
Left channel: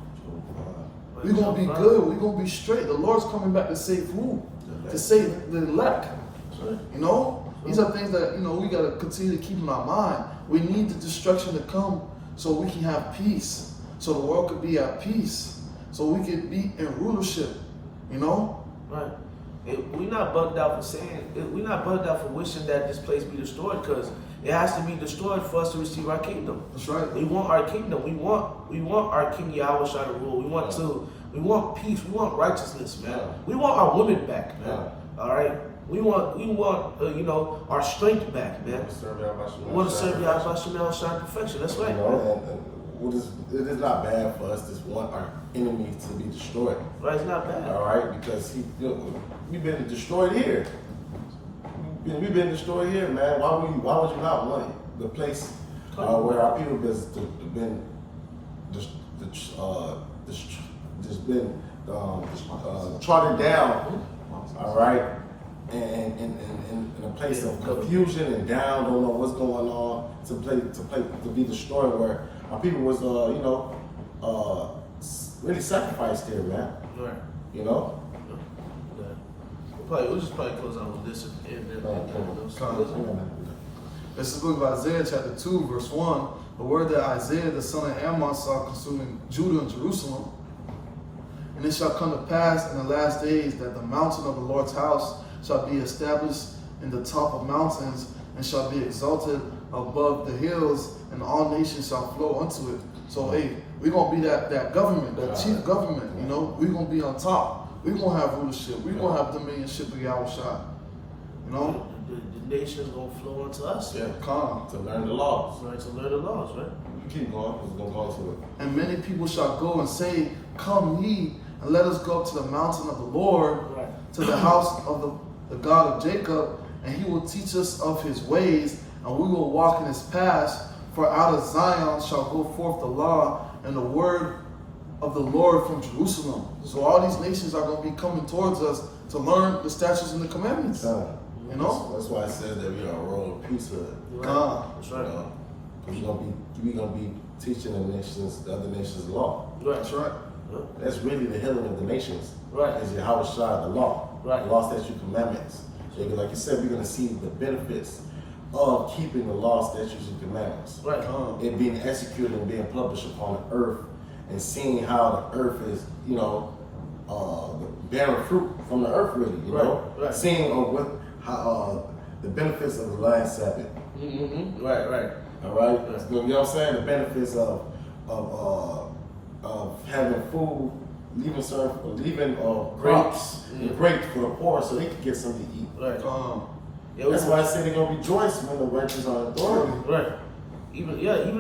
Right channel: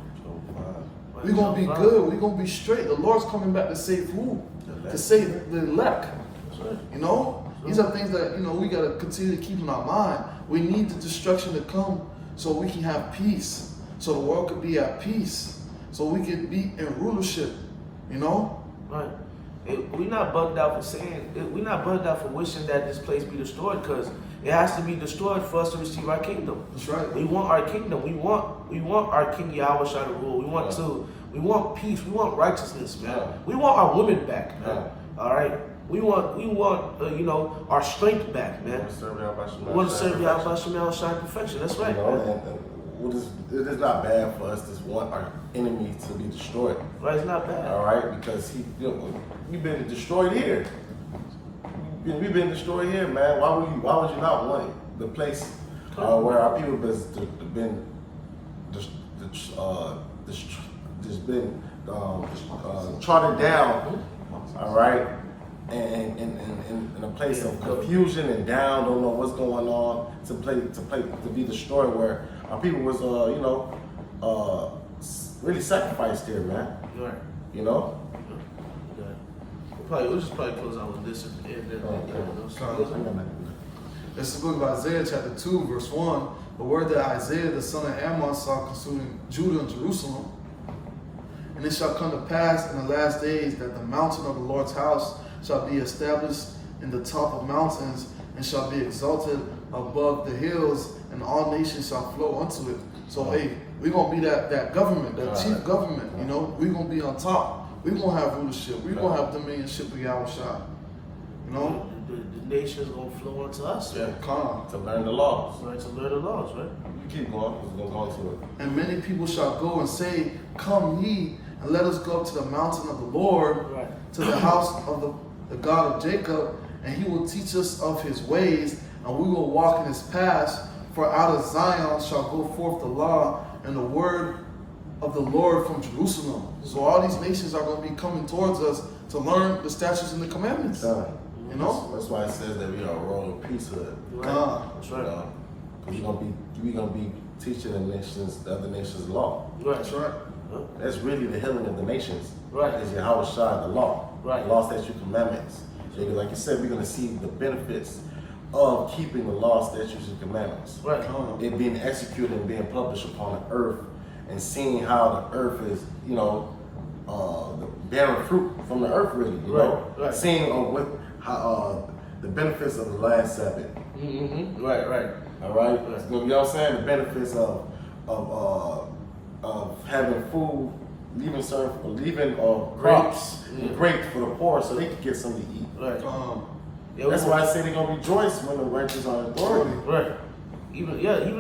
We're going to be good. We're going to be straight. The Lord's coming back to save who? To save the elect. You know? These are things that, you know, we got to continue to keep in our mind. We need the destruction to come so we can have peace. So the world could be at peace. So we could be in rulership. You know? Right. We're not bugged out for we're not bugged out for wishing that this place be destroyed, because it has to be destroyed for us to receive our kingdom. That's right. We want our kingdom. We want our King Yahweh Shai to rule. We want peace. We want righteousness, man. Yeah. We want our women back, man. Yeah. All right. We want you know, our strength back, man. We want to serve Yahweh Shai in perfection. That's right. You know, it is not bad for us to want our enemy to be destroyed. Right, it's not bad. All right, because we've been destroyed here. We've been destroyed here, man. Why would you not want it? The place where our people been trodden down. All right, and in a place of confusion and down, don't know what's going on, to be destroyed, where our people was really sacrificed here, man. Right. You know. We'll just probably close out with this This is the book of Isaiah chapter 2, verse 1. The word that Isaiah the son of Amos saw concerning Judah and Jerusalem. And it shall come to pass in the last days that the mountain of the Lord's house shall be established in the top of mountains, and shall be exalted above the hills, and all nations shall flow unto it. So hey, we're gonna be that government, that chief government, you know, we're gonna be on top. We're gonna have rulership, we're gonna have dominionship of Yahushua. You know? The nation's gonna flow unto us. Yeah. Come. To learn the laws. Right, to learn the laws, right? Keep going, because we're going to go to it. And many people shall go and say, Come ye, and let us go up to the mountain of the Lord, Right. to the house of the God of Jacob, and he will teach us of his ways, and we will walk in his paths. For out of Zion shall go forth the law and the word of the Lord from Jerusalem. So all these nations are going to be coming towards us to learn the statutes and the commandments. You know? That's why I said that we are a royal priesthood. Right. That's right. Because we're gonna be teaching the other nations law. Right. That's right. That's really the healing of the nations. Right. Is Yahweh Shai, the law. Right. The law, statutes, commandments. So like you said, we're gonna see the benefits of keeping the law, statutes, and commandments. Right. It being executed and being published upon the earth, and seeing how the earth is, bearing fruit from the earth, really. You know? Right. Seeing how the benefits of the last Sabbath. Mm-hmm. Right. All right. You know what I'm saying? The benefits of having food, leaving grapes for the poor, so they can get something to eat. Right. That's why I say they're gonna rejoice when the righteous are in authority. Right. Even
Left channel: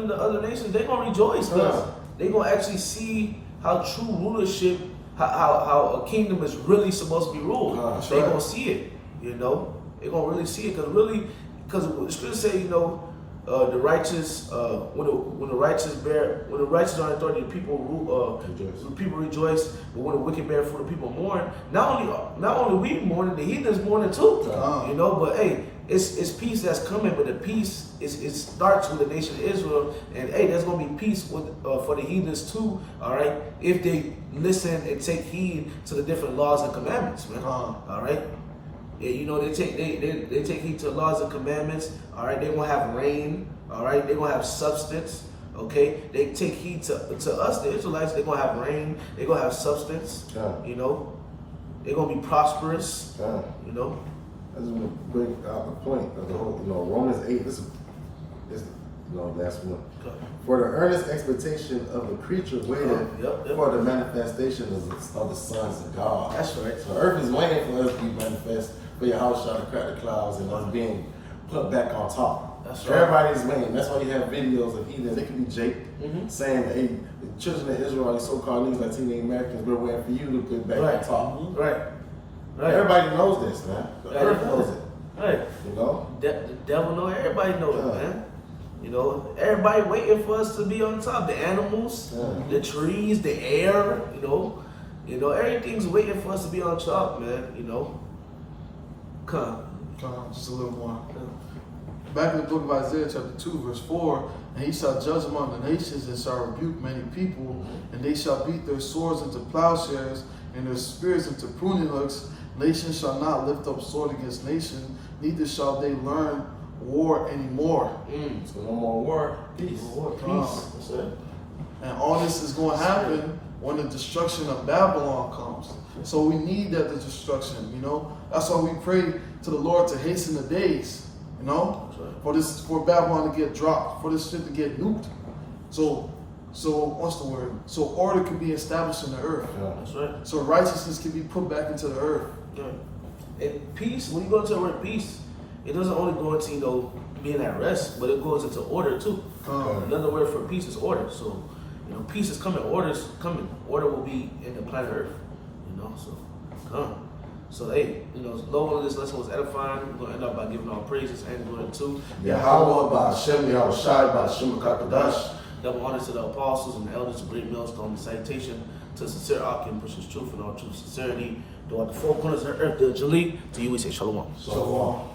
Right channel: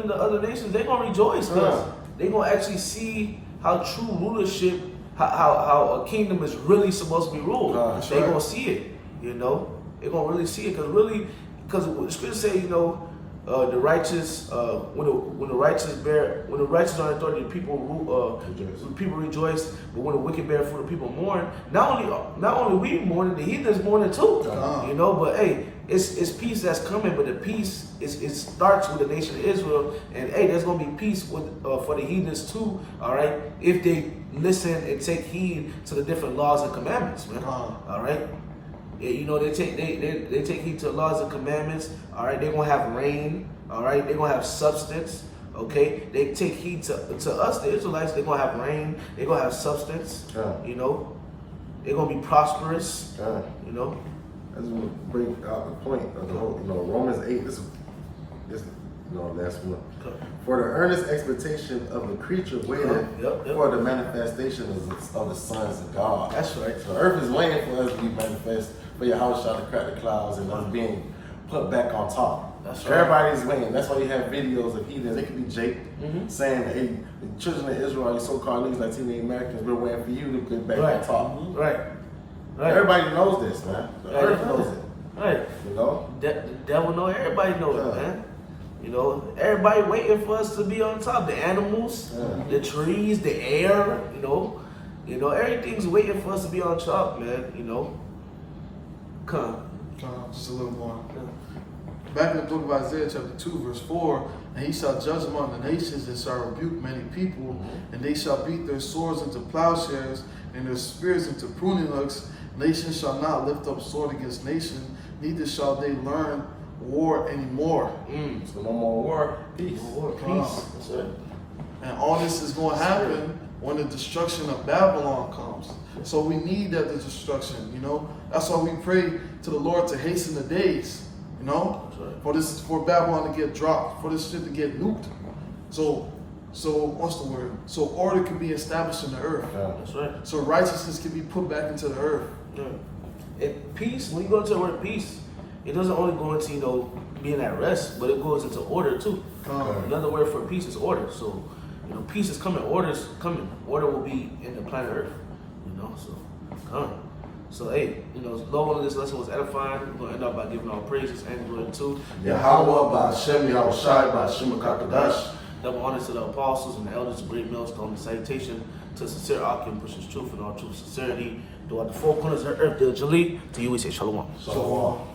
the other nations, they're gonna rejoice because they're gonna actually see how true rulership, how a kingdom is really supposed to be ruled. They're gonna see it. You know, they're gonna really see it because the scripture say, the righteous, when the righteous are in authority, the people rejoice. But when the wicked bear fruit, the people mourn. Not only we mourning, the heathens mourning too. But hey, it's peace that's coming. But the peace it starts with the nation of Israel, and hey, there's gonna be peace for the heathens too. All right, if they listen and take heed to the different laws and commandments, man. All right. They take heed to the laws and commandments. All right, they're gonna have rain. All right, they're gonna have substance. Okay, they take heed to us, the Israelites. They're gonna have rain. They're gonna have substance. Yeah. You know, they're gonna be prosperous. Yeah. You know. I just want to bring out the point of the whole, Romans 8. This last one. Okay. For the earnest expectation of the creature waited Yep. for the manifestation of the sons of God. That's right. So earth is waiting for us to be manifest, for your house shall crack the clouds and us being put back on top. That's right. Everybody's waiting. That's why you have videos of heathens. It could be Jake saying, "Hey, the children of Israel and so-called these Latino Americans, we're waiting for you to get back on top." Right. Right. Everybody knows this, man. The Right. earth knows it. Right. You know. The devil know. Everybody know it, Yeah. man. You know, everybody waiting for us to be on top. The animals, the trees, the air. You know, everything's waiting for us to be on top, man. You know. Come. Just a little more. Back in the book of Isaiah, chapter 2, verse 4, and he shall judge among the nations and shall rebuke many people, and they shall beat their swords into plowshares and their spears into pruning hooks. Nation shall not lift up sword against nation, neither shall they learn war anymore. So no more war, peace. War, peace. That's it. And all this is going to happen when the destruction of Babylon comes. So we need that destruction, you know. That's why we pray to the Lord to hasten the days, you know, for Babylon to get dropped, for this shit to get nuked. So what's the word? So order can be established in the earth. Yeah. That's right. So righteousness can be put back into the earth. Yeah. And peace, when you go into the word peace, it doesn't only go into, being at rest, but it goes into order too. Another word for peace is order. So, peace is coming, order is coming. Order will be in the planet Earth. So come. So hey, Lord, this lesson was edifying. We're gonna end up by giving all praises and glory to Yahweh, by Hashem, Yahushai, by Hashem HaKadosh. double honor to the apostles and the elders, great millstone, the salutation to sincere Akim, pushes truth and all true sincerity. Throughout the four corners of the earth, diligently. To you we say shalom. Shalom.